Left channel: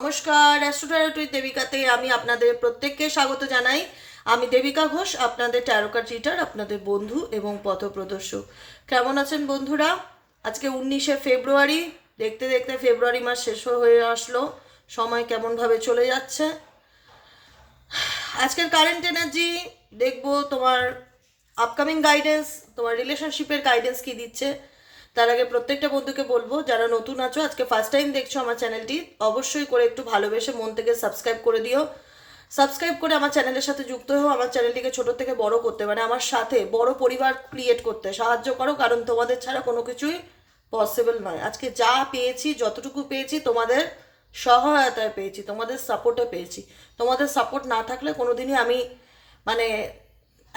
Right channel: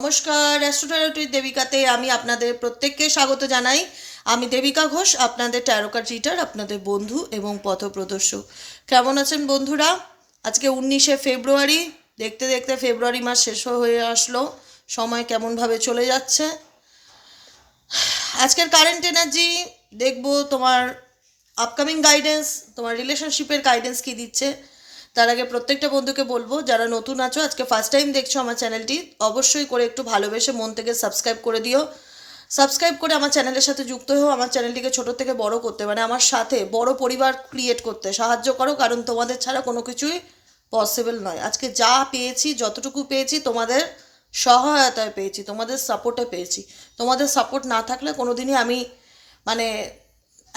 নমস্কার, অ্যাস্ট্রোটারোটির দেবিকাতে আমি আপনাদের প্রত্যেককে স্বাগত জানাই। আমি দেবিকা ঘোষ, আপনাদের ট্যারোকার চিটার আপনাদের বন্ধু এবং পথপ্রদর্শক। কেমন আছেন বন্ধুরা? আজকে উনিশে ফেব্রুয়ারি, দেখতে দেখতে ফেব্রুয়ারি মাস শেষ হয়ে আসলো। সময় কেমনভাবে চলে যাচ্ছে? আজকের কারেন্ট এনার্জি দেখব তোমার আপকামিং গাইডেন্স তোমার রিলেশনশিপের গাইডেন্স কি দিচ্ছে। তার আগে প্রত্যেকটা বন্ধুকে বলব, যারা নতুন আছো, আজকে ফার্স্ট টাইম দেখছ আমার চ্যানেলটি অবশ্যই করে একটু ভালোবেসে মন থেকে সাবস্ক্রাইব করে দিও। সাবস্ক্রাইব করে আমার চ্যানেলের সাথে যুক্ত হও আমার চ্যানেলটিকে ছোট থেকে বড় করতে মানে আমার সাথে বড় পরিবার ক্রিয়েট করতে সাহায্য করো, কারণ তোমাদের ছাড়া কোনো কিছুই পসিবল নয়। আজকে যা পেয়েছি, যতটুকু পেয়েছি, তোমাদের সহায়তায় পেয়েছি, তোমাদের সাপোর্টে পেয়েছি। তোমাদের সাপোর্ট না থাকলে কোনো দিনই আমি মানে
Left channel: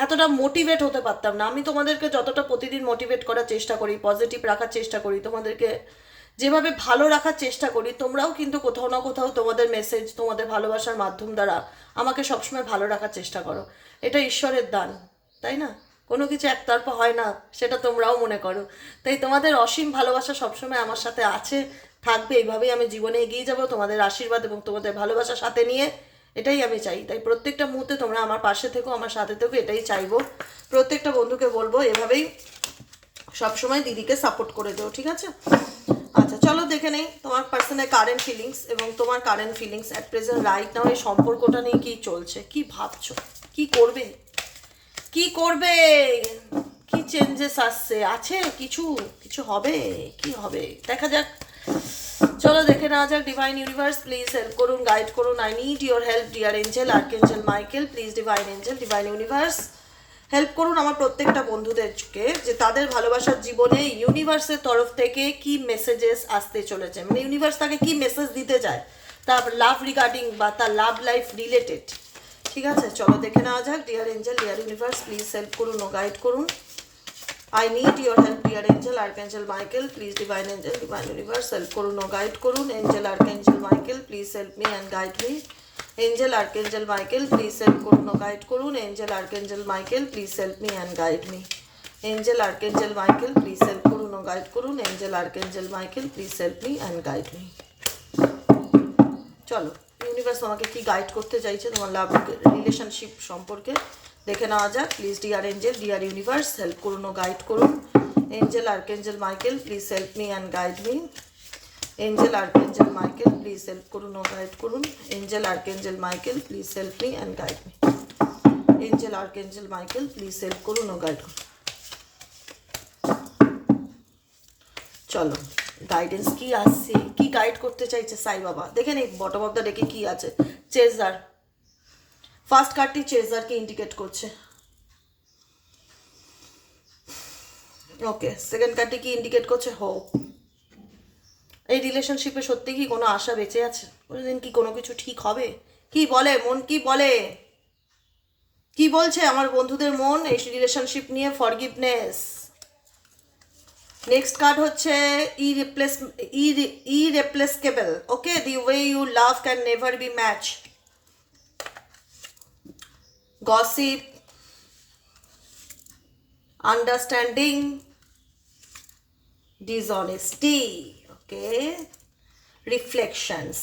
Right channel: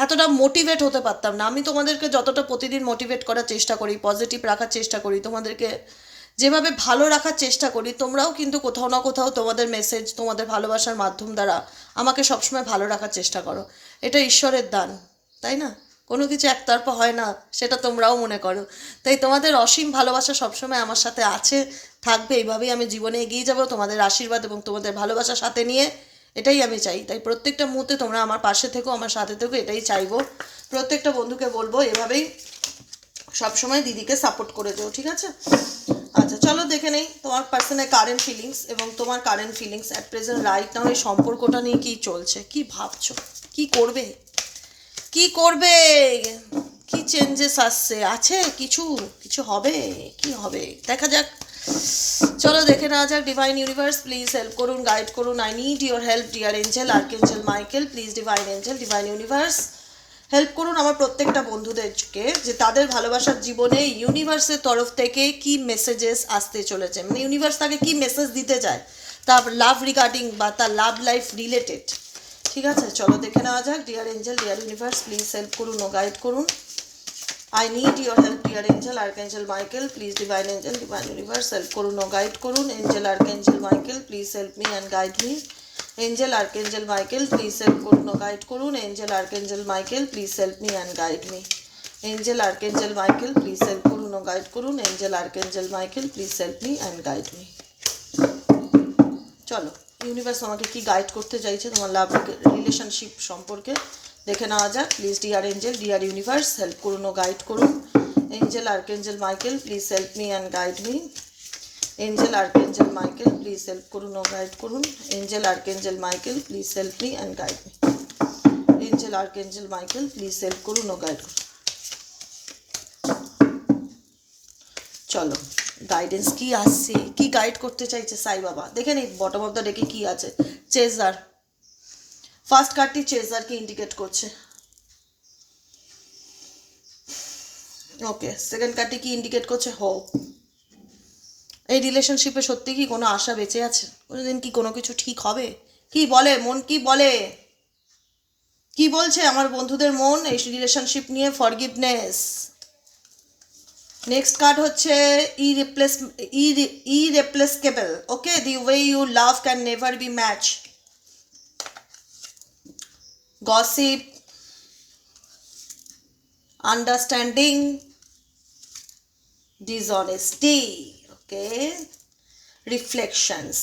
এতটা মোটিভেট হতে পারতাম না। আমি তোমাদেরকে যতটা প্রতিদিন মোটিভেট করার চেষ্টা করি পজিটিভ রাখার চেষ্টা করি, তোমাদেরকে যেভাবে ভালো রাখার চেষ্টা করি, তোমরাও কিন্তু কোথাও না কোথাও তোমাদের মেসেজ তোমাদের ভালোবাসার মাধ্যম দ্বারা আমাকে সবসময় ভালো রাখার চেষ্টা করো। এটা ঈশ্বরের দান, তাই না? কোনো কিছু একতরফা হয় না, সেটা তোমরাও মনে করো। তাই তোমাদের অসীম ভালোবাসা সবসময় আমার সাথে আছে, থাকবে। এইভাবেই আমি জীবনে এগিয়ে যাব। তোমাদের আশীর্বাদ এবং তোমাদের ভালোবাসার সাথে নিয়ে এটাই আমি চাই। তাই প্রত্যেকটা মুহূর্তে তোমরা আমার পাশে থেকো, আমার সাথে থেকো, এটাই চাইব। প্রত্যেকটা বন্ধুকে বলব, এভাবেই সবসময় দিদিকে সাপোর্ট করে দেও, ঠিক আছে? আচ্ছা চলো দেখে নেই তোমার পার্সোনাল কারেন্ট ফিলিংস এবং তোমার current feelings at present right now এই সম্পর্কটা নিয়ে কী চলছে, কি ভাবছ, কি করবে? কি করবে? কি চেঞ্জেস আসছে? আছে কিছু? কিছু হবে? কি হবে? দেখা যাক। চলো দেখে নেওয়া যাক ডিভাইন ইউনিভার্স প্লিজ হেল্প করুন গাইড করুন। I need your help dear angel archangel Michael please divine angel divine universe help করুন আমার প্রত্যেকটা বন্ধুদেরকে, যে তাদের ভালোবাসার জীবনে ইউনিভার্সের তরফ থেকে কি মেসেজেস আসতে চলেছে। মানে ইউনিভার্স তাকে কি মেসেজ দিতে চায়? তার লাভ রিগার্ডিং বা তার লাভ লাইফ রিলেটেড ঠিক আছে? চলো দেখে নেওয়া যাক dear angel dear universe please help করুন ও গাইড করুন। I need your help dear angel archangel Michael please divine angel divine universe help করুন ও গাইড করুন angel archangel Michael please help me and guide me angel archangel Michael please help করুন ও guide করুন angel archangel Michael please help me and guide me angel archangel Michael please help করুন ও guide করুন angel archangel Michael please help me and guide me চলো universe আমাকে কি guide করতে চাইছে, তোমার লাভ রিলেশনশিপ সম্পর্কে দেখে নেওয়া যাক। Please dear angel dear universe help করুন ও গাইড করুন। Angel archangel Michael please help me and guide me angel archangel Michael please help করুন ও গাইড করুন। Angel archangel Michael please help me and guide me angel archangel Michael please help করুন ও guide করুন। চলো। Guidance কি আসছে কি গাইড করতে চাইছে সাই বাবা? দেখে নিই বটম অফ দ্য ডেকে কি আছে? চেজার ফার্স্ট কার্ডটি চেজারকে ইন্ডিকেট করছে। ওকে সেকেন্ড কার্ডটি কি ইন্ডিকেট করছে? হো এই রিলেশনশিপে সত্যি কি কোনো আশা বেঁচে আছে? কোনোদিন কি কোনো কিছু ঠিক হবে? কি বলে? মন কি বলে? কি বলছে আমার বন্ধুদের মন? এই রিলেশনশিপ নিয়ে ফরগিভনেস নেক্সট কার্ড হচ্ছে irreplaceable irreplaceable okay the way you love can never be match gossip understanding dishonesty okay reflections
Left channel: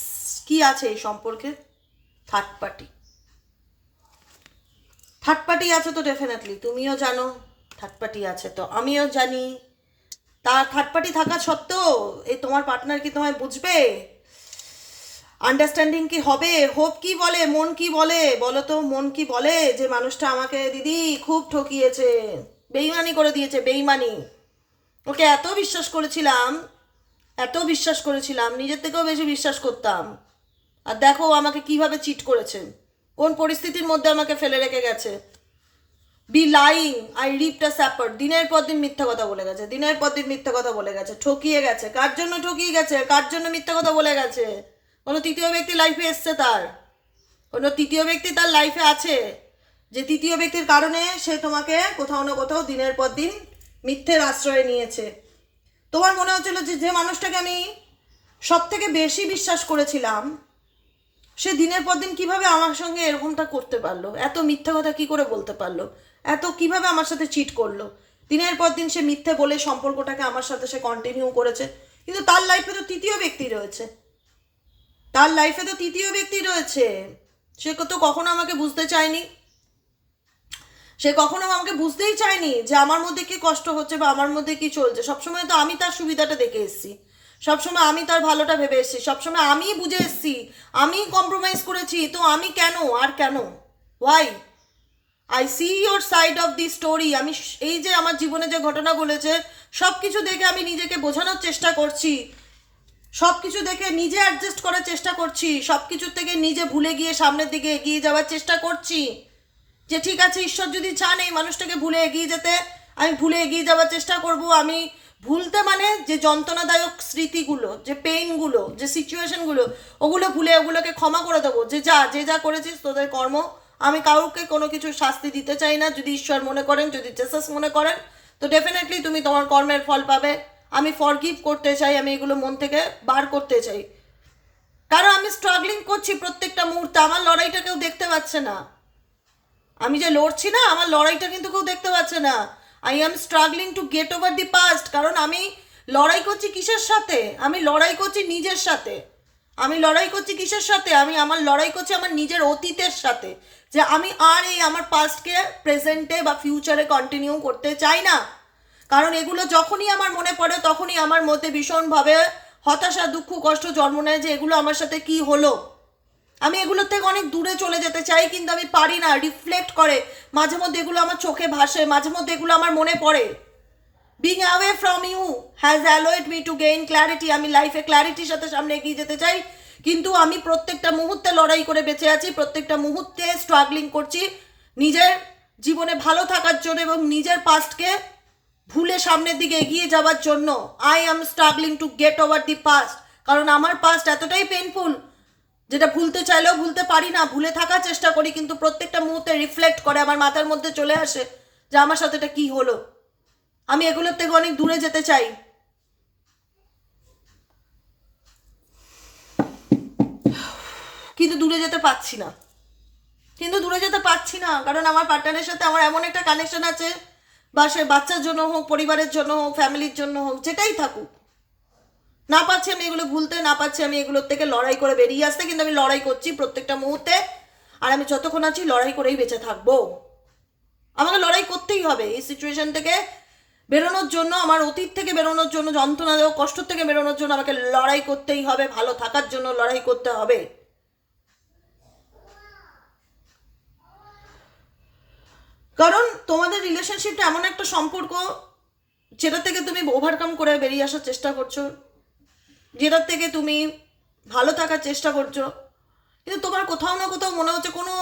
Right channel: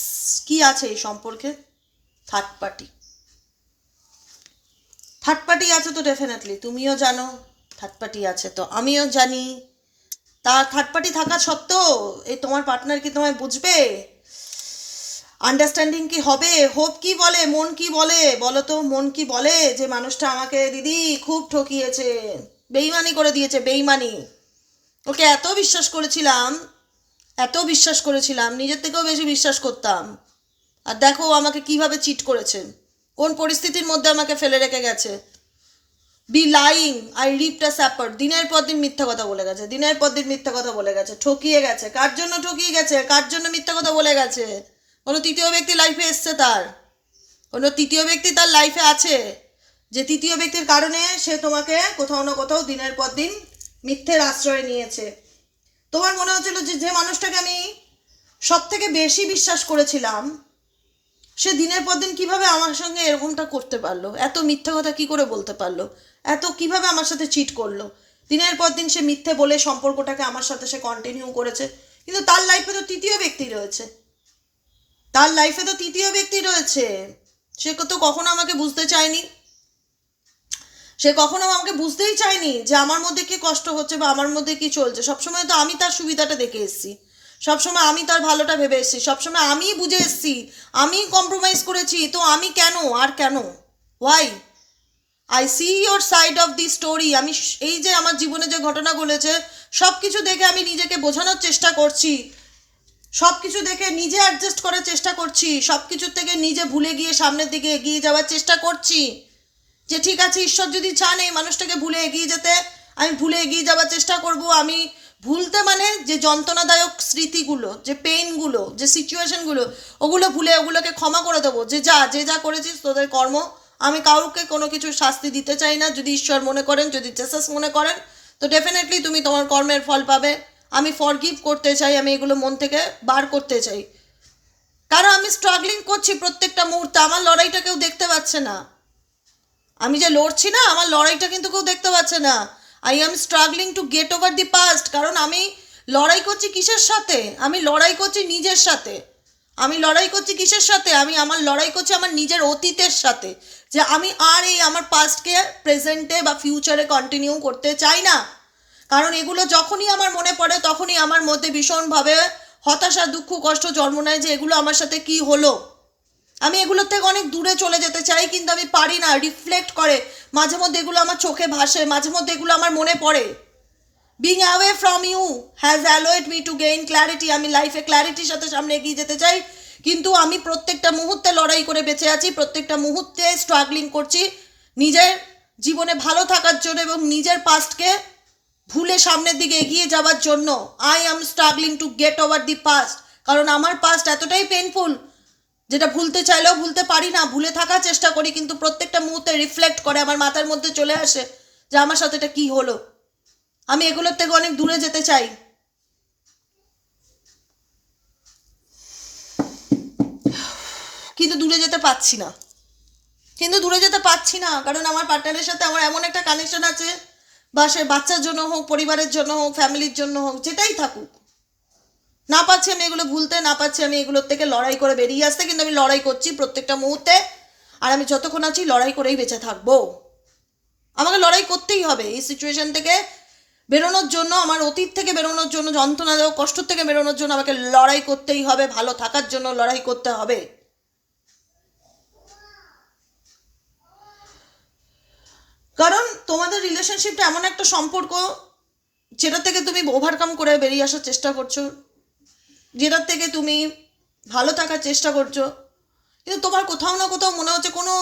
কি আছে এই সম্পর্কে? থার্ড পার্টি থার্ড পার্টি আছে তো ডেফিনেটলি তুমিও জানো থার্ড পার্টি আছে তো, আমিও জানি। তার থার্ড পার্টি থাকা সত্ত্বেও এই তোমার পার্টনার কি তোমায় বুঝবে? আন্ডারস্ট্যান্ডিং কি হবে? হোপ কি বলে? মন কি বলে? বলো তো, মন কি বলে যে মানুষটা আমাকে, দিদি, খুব ঠকিয়েছে, বেইমানি করে দিয়েছে, বেইমানি। ওকে এত বিশ্বাস করেছিলাম, এত বিশ্বাস করেছিলাম, নিজের থেকেও বেশি বিশ্বাস করতাম। আর দেখো আমাকে কীভাবে চিট করেছেন কোন পরিস্থিতির মধ্যে আমাকে ফেলে রেখে গেছে। Be lying I ripped a sapper দিনের পর দিন মিথ্যা কথা বলে গেছে। দিনের পর দিন মিথ্যা কথা বলে গেছে। ঠকিয়ে গেছে। কার জন্য ঠকিয়ে গেছে? কার জন্য মিথ্যা কথা বলে গেছে? কোনো তৃতীয় ব্যক্তি লাইফে এসছে তার? কোনো তৃতীয় ব্যক্তি তার লাইফে আছে? যে তৃতীয় ব্যক্তির কারণে সে তোমাকে কোথাও না কোথাও দিনের পর দিন মিথ্যের আশ্রয় নিয়েছে। তোমার মনে হচ্ছিল যে যে মানুষটাকে আমি সব থেকে বেশি বিশ্বাস করেছিলাম, সে দিনের পর দিন কীভাবে আমার সঙ্গে এরকমটা করতে পারল? এত মিথ্যা কথা কি করে বলতে পারল? এত কীভাবে আমার সাথে চিট করল? দিনের পর দিন সে মিথ্যে বলে সম্পর্কটাকে আমার সাথে সে কন্টিনিউ করেছে। কিন্তু তার লাইফে তো তৃতীয় ব্যক্তি রয়েছে। তার লাইফে তো তৃতীয় ব্যক্তি রয়েছে। সে তো কখনো আমাকে বুঝতে চায়নি? সে কখনো আমাকে বুঝতেই চায়নি যে আমার মধ্যে কি কষ্ট হচ্ছে বা আমার মধ্যে কি চলছে। সবসময় তো আমি তার সুবিধাটা দেখে এসেছি। সবসময় আমি তার ভালোটা ভেবে এসেছি। সবসময় আমিই বুঝে এসেছি। আমি কম্প্রোমাইজ করেছি। তো আমি কেন? আর কেন? Why I see your side of the story আমি এই যে আমার জীবনে যে ঘটনা বলেছে সব কিছু দেখে আমি নিজেকে বোঝানোর চেষ্টা করছি। সব কিছু দেখে নিজে অ্যাডজাস্ট করার চেষ্টা করছি। সব কিছুর থেকে নিজে ভুলে গিয়ে সামনের দিকে এগিয়ে যাওয়ার চেষ্টা করছি। যে ঠিক আছে, ঈশ্বর যদি চান এই মানুষটাকে ভুলে এগিয়ে যেতে, আমি ভুলে এগিয়ে যাওয়ার চেষ্টা করব। আমি ভুলতে মানে যে যন্ত্রণাদায়ক স্মৃতিগুলো, যে পেইনগুলো যে সিচুয়েশনগুলো ওগুলো ভুলে ওগুলোকে ক্ষমা করে দেবো। যে যা যে যা করেছিস, তোদের কর্ম আমি কাউকে কোনো কিছু শাস্তি দিতে চাই না। যদি ঈশ্বর মনে করেন, যদি জেসাস মনে করেন, তো ডেফিনেটলি তুমি তোমার কর্মের ফল পাবে। আমি ফরগিভ করতে চাই, আমি এগুলো মন থেকে বার করতে চাই। কারণ আমি স্ট্রাগলিং করছি প্রত্যেকটা মুহূর্তে, আমার লড়াইটা কেউ দেখতে পাচ্ছে না। আমি যে লড়ছি না, আমার লড়াইটা কিন্তু কেউ দেখতে পাচ্ছে না। I am struggling to get over the past কারণ আমি লড়াই করছি কিসের সাথে? আমি লড়াই করছি নিজের সাথে। আমি লড়াই করছি কিসের সাথে? আমি আমার লড়াই করছি আমার নিজের অতীতের সাথে। যে আমি আর এই আমার পাস্টকে প্রেজেন্টে বা ফিউচারে কন্টিনিউ করতে চাই না। কারণ এগুলো যখনই আমার মনে পড়ে, তখনই আমার মধ্যে ভীষণভাবে হতাশা, দুঃখ, কষ্ট জন্ম নেয় যে এগুলো আমার সাথে কি হলো। আমি এগুলোর থেকে অনেক দূরে চলে যেতে চাই, কিন্তু আমি পারি না। রিফ্লেক্ট করে। মাঝে মধ্যে এগুলো আমার চোখে ভাসে, মাঝে মধ্যে এগুলো আমার মনে পড়ে। Being away from you has allowed me to gain clarity আমি লাইফে ক্ল্যারিটির সাথে সামনে এগিয়ে যেতে চাই। কিন্তু আমি প্রত্যেকটা মুহূর্তে লড়াই করে বেঁচে আছি, প্রত্যেকটা মুহূর্তে স্ট্রাগলিং করছি। নিজের জীবনে ভালো থাকার জন্য এবং নিজের পাস্টকে ভুলে সামনের দিকে এগিয়ে যাওয়ার জন্য I am struggling to get over the past কারণ আমার পাস্ট এতটাই পেনফুল যেটা ভুলতে চাইলেও ভুলতে পারি না, ভুলে থাকার চেষ্টা করি, কিন্তু প্রত্যেকটা মুহূর্তে রিফ্লেক্ট করে আমার মাথার মধ্যে চলে আসে যে আমার সাথে এটা কী হলো। আমি এগুলোর থেকে অনেক দূরে যেতে চাই। কিন্তু দূরে যেতে পারছি না। কিন্তু দূরে যেতে পারছি না, কারণ আমার পার্টনারের সাথে আমার এমন একটা কানেকশন আছে বা সে বাচ্চার জন্য হোক, পরিবারের জন্য হোক ফ্যামিলির জন্য হোক, যেটাই থাকুক। না পাচ্ছি আমি এগুলো ভুলতে, না পাচ্ছি আমি এগুলোর থেকে লড়াই করে বেরিয়ে আসতে, কিন্তু আমি লড়াই করছি প্রত্যেকটা মুহূর্তে। আর আমি যতক্ষণ আছি লড়াই করেই বেঁচে থাকব। আমাকে লড়াই করতেই হবে এই সিচুয়েশন থেকে। বেরোনোর জন্য, আমার অতীত থেকে বেরোনোর জন্য যন্ত্রণাদায়ক কষ্ট থেকে বেরোনোর জন্য আমাকে লড়াই করতেই হবে, ভালো থাকার জন্য লড়াই করতে হবে। কারণ তোমাদের রিলেশনশিপটা এমন একটা সম্পর্ক যেটা থেকে তুমি ওভারকাম করে বেরিয়ে আসার চেষ্টা করছ, যেটার থেকে তুমি ভালো থাকার চেষ্টা করছ। কিন্তু তোমার কোথাও না কোথাও মনে হচ্ছে কোনো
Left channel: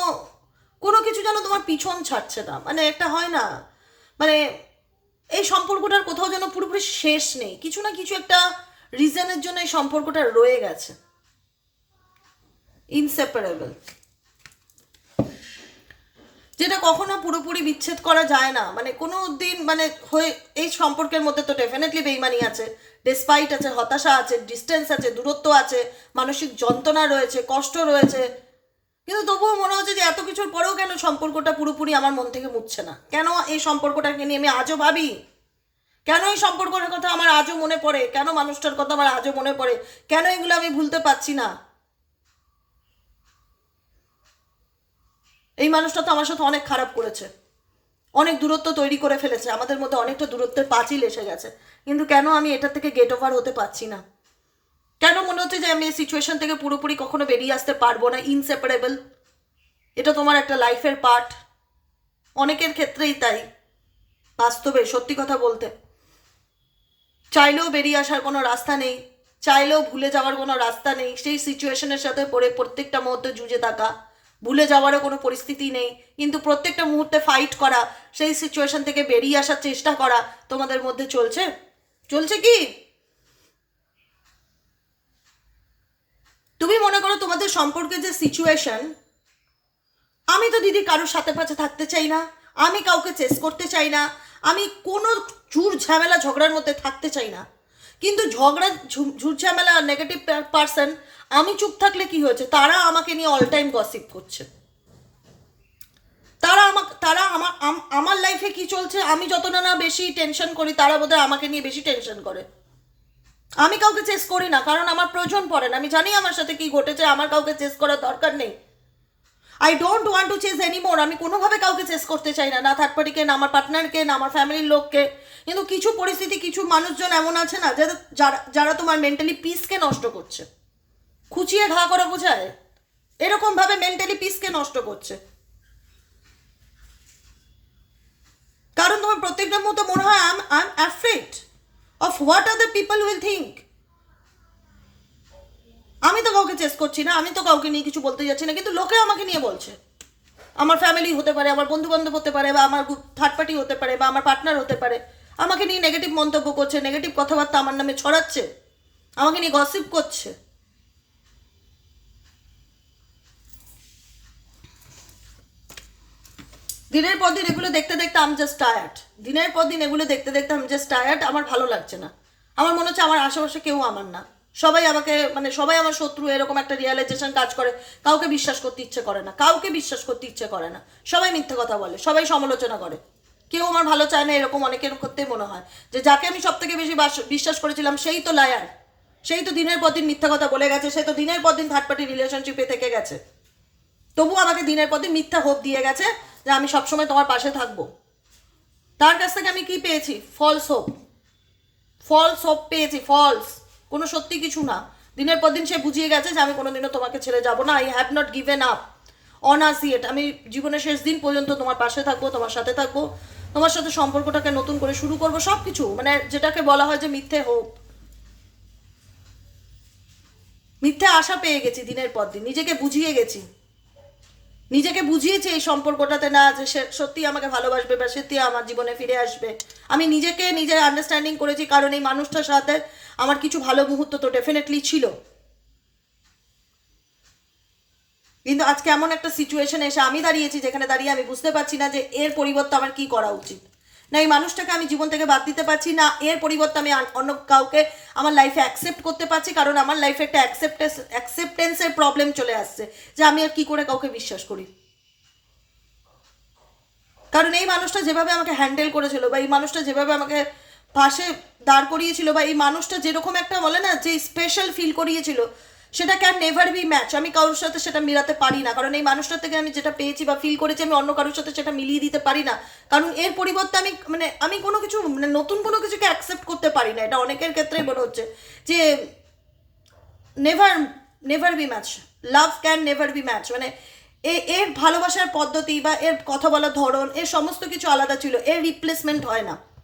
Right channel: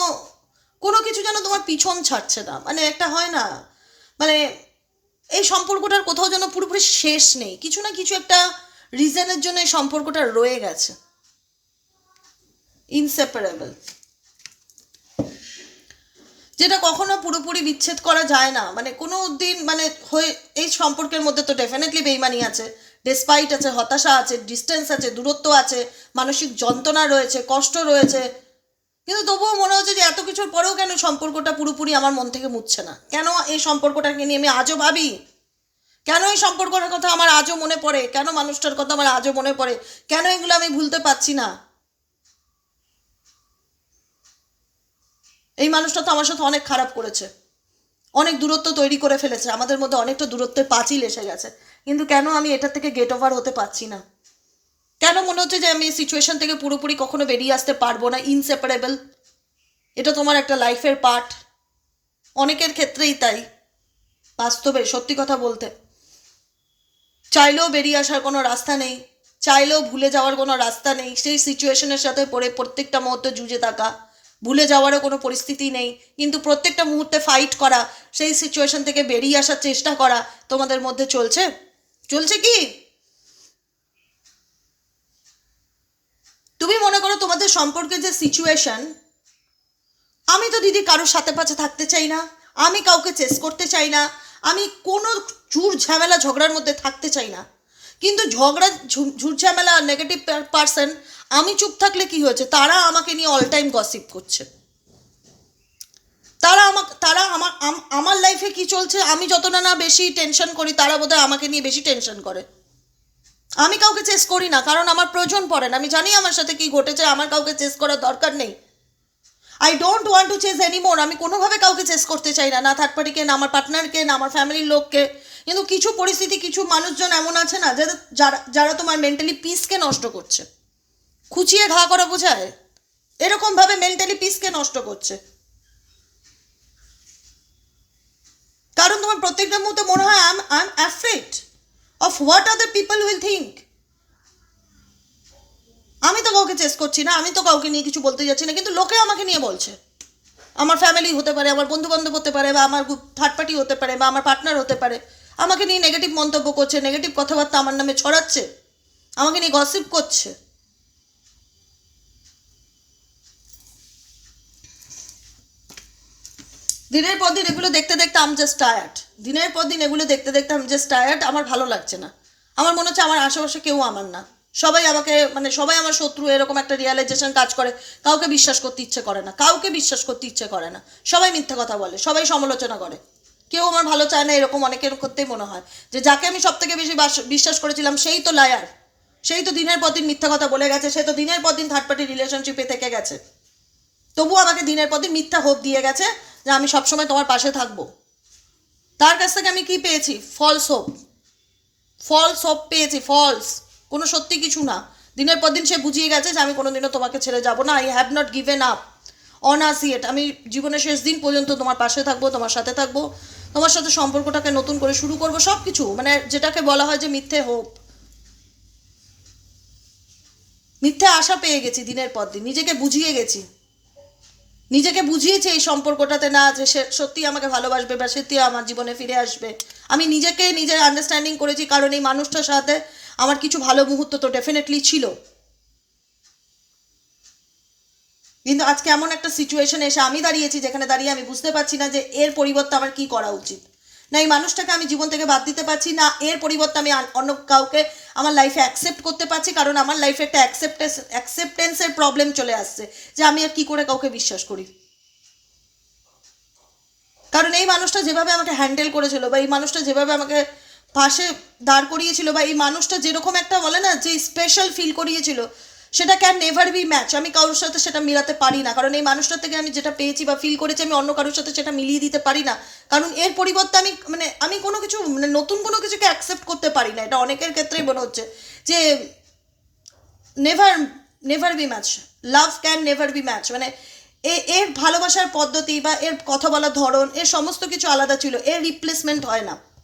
কোনো কিছু যেন তোমার পিছন ছাড়ছে না। মানে একটা হয় না মানে এই সম্পর্কটার কোথাও যেন পুরোপুরি শেষ নেই। কিছু না কিছু একটা রিজনের জন্য এই সম্পর্কটা রয়ে গেছে। ইনসেপারেবল যেটা কখনো পুরোপুরি বিচ্ছেদ করা যায় না। মানে কোনো দিন মানে হয়ে, এই সম্পর্কের মধ্যে তো ডেফিনেটলি বেইমানি আছে। ডেসপাইট আছে, হতাশা আছে ডিস্টেন্স আছে, দূরত্ব আছে, মানসিক যন্ত্রণা রয়েছে, কষ্ট রয়েছে কিন্তু তবুও মনে হচ্ছে যে এত কিছুর পরেও কেন সম্পর্কটা পুরোপুরি আমার মন থেকে মুছছে না? কেন এই সম্পর্কটাকে নিয়ে আমি আজও ভাবি? কেন এই সম্পর্কের কথা আমার আজও মনে পড়ে? কেন মানুষটার কথা আমার আজও মনে পড়ে? কেন এগুলো আমি ভুলতে পারছি না? এই মানুষটা তো আমার সাথে অনেক খারাপ করেছে। অনেক দূরত্ব তৈরি করে ফেলেছে। আমাদের মধ্যে অনেকটা দূরত্বের পাঁচিল এসে গেছে। কিন্তু কেন আমি এটা থেকে গেট ওভার হতে পারছি না? কেন মনে হচ্ছে যে আমি এই সিচুয়েশন থেকে পুরোপুরি কখনো বেরিয়ে আসতে পারব না? ইনসেপারেবল এটা তোমার একটা লাইফের পার্ট অনেকের ক্ষেত্রেই তাই। বাস্তবে, সত্যি কথা বলতে। চাইলেও বেরিয়ে আসার কোনো রাস্তা নেই। চাইলেও ভুলে যাওয়ার কোনো রাস্তা নেই। সেই সিচুয়েশনের সাথে পড়ে প্রত্যেকটা মুহূর্তে জুঝে থাকা। ভুলে যাওয়ারও কোনো পরিস্থিতি নেই। কিন্তু প্রত্যেকটা মুহূর্তে ফাইট করা, সেই সিচুয়েশন থেকে বেরিয়ে আসার চেষ্টা করা তোমাদের মধ্যে চলছে? চলছে কি? তুমি মনে করো তোমাদের সম্পর্কে যে সিচুয়েশন আমি তো দিদি কারোর সাথে পাশে থাকতে চাই না, আমি কাউকে চেস করতে চাই না, আমি কোনো ঝুর ঝামেলা ঝগড়ার মধ্যে থাকতে চাই না। কিন্তু ঝগড়া ঝুর ঝামেলা নেগেটিভ পার্সন আমি চুপ থাকলে কি হয়েছে? তারা আমাকে নিয়ে অল টাইম গসিপ করছে। তারা আমাকে তারা আমার আমার লাইফে কি চলছে? আমি যত না না বেশি টেনশন করি, তারা বোধহয় আমাকে নিয়ে বেশি টেনশন করে। আমি কাউকে চেস করি না, কারণ আমার প্রয়োজন পড়ে না। আমি জানি আমার সাথে কি ঘটেছে, আমার কাউকে চেস করার দরকার নেই। I don't want to chase anymore আমি কোনোভাবে কাউকে চেস করতে চাই না না থার্ড পার্টিকে না আমার পার্টনারকে না আমার ফ্যামিলির লোককে। কিন্তু কিছু পরিস্থিতি, কিছু মানুষজন এমন আছে না যারা যারা যারা তোমার মেন্টালি পিসকে নষ্ট করছে। খুচিয়ে ঘা করে বোঝায়। এরকমভাবে মেন্টালি পিসকে নষ্ট করছে। কারণ তোমার প্রত্যেকটার মতো মনে হয় I I am afraid of what other people will think আমি তো কাউকে চেস করছি না, আমি তো কাউকে নিয়ে কিছু বলতে যাচ্ছি না, কিন্তু লোকে আমাকে নিয়ে বলছে। আমার ফ্যামিলি হতে পারে, আমার বন্ধু বান্ধব হতে পারে, বা আমার থার্ড পার্টি হতে পারে, বা আমার পার্টনার হতে পারে। আমাকে নিয়ে নেগেটিভ মন্তব্য করছে নেগেটিভ কথাবার্তা আমার নামে ছড়াচ্ছে, আমাকে নিয়ে গসিপ করছে। দিনের পর দিন এগুলো দেখতে দেখতে আম জাস্ট টায়ার্ড দিনের পর দিন এগুলো দেখতে দেখতে আমি জাস্ট টায়ার্ড আমার ভালো লাগছে না। আমার মনে হচ্ছে আমার আশেপাশে কেউ আমার না। সবাই আমাকে মানে সবাই আমার শত্রু, এরকম একটা রিয়ালাইজেশন কাজ করে। কাউকে বিশ্বাস করতে ইচ্ছে করে না। কাউকে বিশ্বাস করতে ইচ্ছে করে না। সবাই মিথ্যা কথা বলে, সবাই সমালোচনা করে। কেউ আমার ভালো চায় না, এরকম অনেকের করতেই মনে হয়। যে যাকে আমি সব থেকে বেশি বিশ্বাস করেছিলাম, সেই তো লায়ার সেই তো দিনের পর দিন মিথ্যা কথা বলে গেছে, সে তো দিনের পর দিন থার্ড পার্টি রিলেশনশিপে থেকে গেছে। তবু আমাকে দিনের পর দিন মিথ্যা হোপ দিয়ে গেছে। যে আমি সবসময় তোমার পাশে থাকব। তার কাছ থেকে আমি কি পেয়েছি? ফলস হোপ ফলস হোপ পেয়েছি ফলস কোনো সত্যি কিছু না। দিনের পর দিন সে বুঝিয়ে গেছে যে আমি কোনোদিনও তোমাকে ছেড়ে যাব না। I have not given up on us yet আমি জীবনের শেষ দিন পর্যন্ত তোমার পাশে থাকব, তোমার সাথে থাকব, তোমার সাথে সম্পর্কটাকে নতুন করে শুরু করব সব কিছু মানে যেটাকে বলা হয় যে মিথ্যে হোপ মিথ্যে আশা পেয়ে গেছি দিনের পর দিন। নিজেকে বুঝিয়ে গেছি। নিজেকে বুঝিয়েছি এই সম্পর্কটাতে না যে সে সত্যি আমাকে ভালোবাসবে বা সত্যি আমার জীবনে ফিরে আসবে। আমি নিজেকে নিজের আন্ডারস্ট্যান্ডিং করেছি কারণ এই মানুষটার সাথে আমার কিছু ভালো মুহূর্ত তো ডেফিনেটলি ছিল। কিন্তু আজকে এমন একটা সিচুয়েশন এসে আমি দাঁড়িয়েছি যেখানে দাঁড়িয়ে আমি বুঝতে পারছি না যে এর পরিবর্তে আমার কি করা উচিত। না, এই মানুষটাকে আমি জীবন থেকে বাদ দিতে পারছি না। এর পরিবর্তে আমি অন্য কাউকে আমার লাইফে অ্যাকসেপ্ট করতে পারছি, কারণ আমার লাইফে একটা অ্যাকসেপ্টেন্স অ্যাকসেপ্টেন্সের প্রবলেম চলে আসছে, যে আমি আর কি করে কাউকে বিশ্বাস করি। কারণ এই মানুষটা যেভাবে আমাকে হ্যান্ডেল করেছিল, বা এই মানুষটা যেভাবে আমাকে পাশে দাঁড় করিয়েছিল, বা এই মানুষটা যেরকম একটা বলে না, যে স্পেশাল ফিল করিয়েছিল সেটা ক্যান নেভার বি ম্যাচ আমি কারোর সাথে সেটা মিলাতে পারি না। কারণ এই মানুষটার থেকে আমি যেটা পেয়েছি বা ফিল করেছি, আমি অন্য কারোর সাথে সেটা মিলিয়ে দিতে পারি না। কারণ এর পরিবর্তে আমি মানে আমি কোনো কিছু মানে নতুন কোনো কিছুকে অ্যাকসেপ্ট করতে পারি না। এটা অনেকের ক্ষেত্রেই মনে হচ্ছে যে never never be match love can never be match মানে এ- এর ভালোবাসার পদ্ধতি বা এর কথা বলার ধরন, এর সমস্ত কিছু আলাদা ছিল। এর রিপ্লেসমেন্ট হয় না।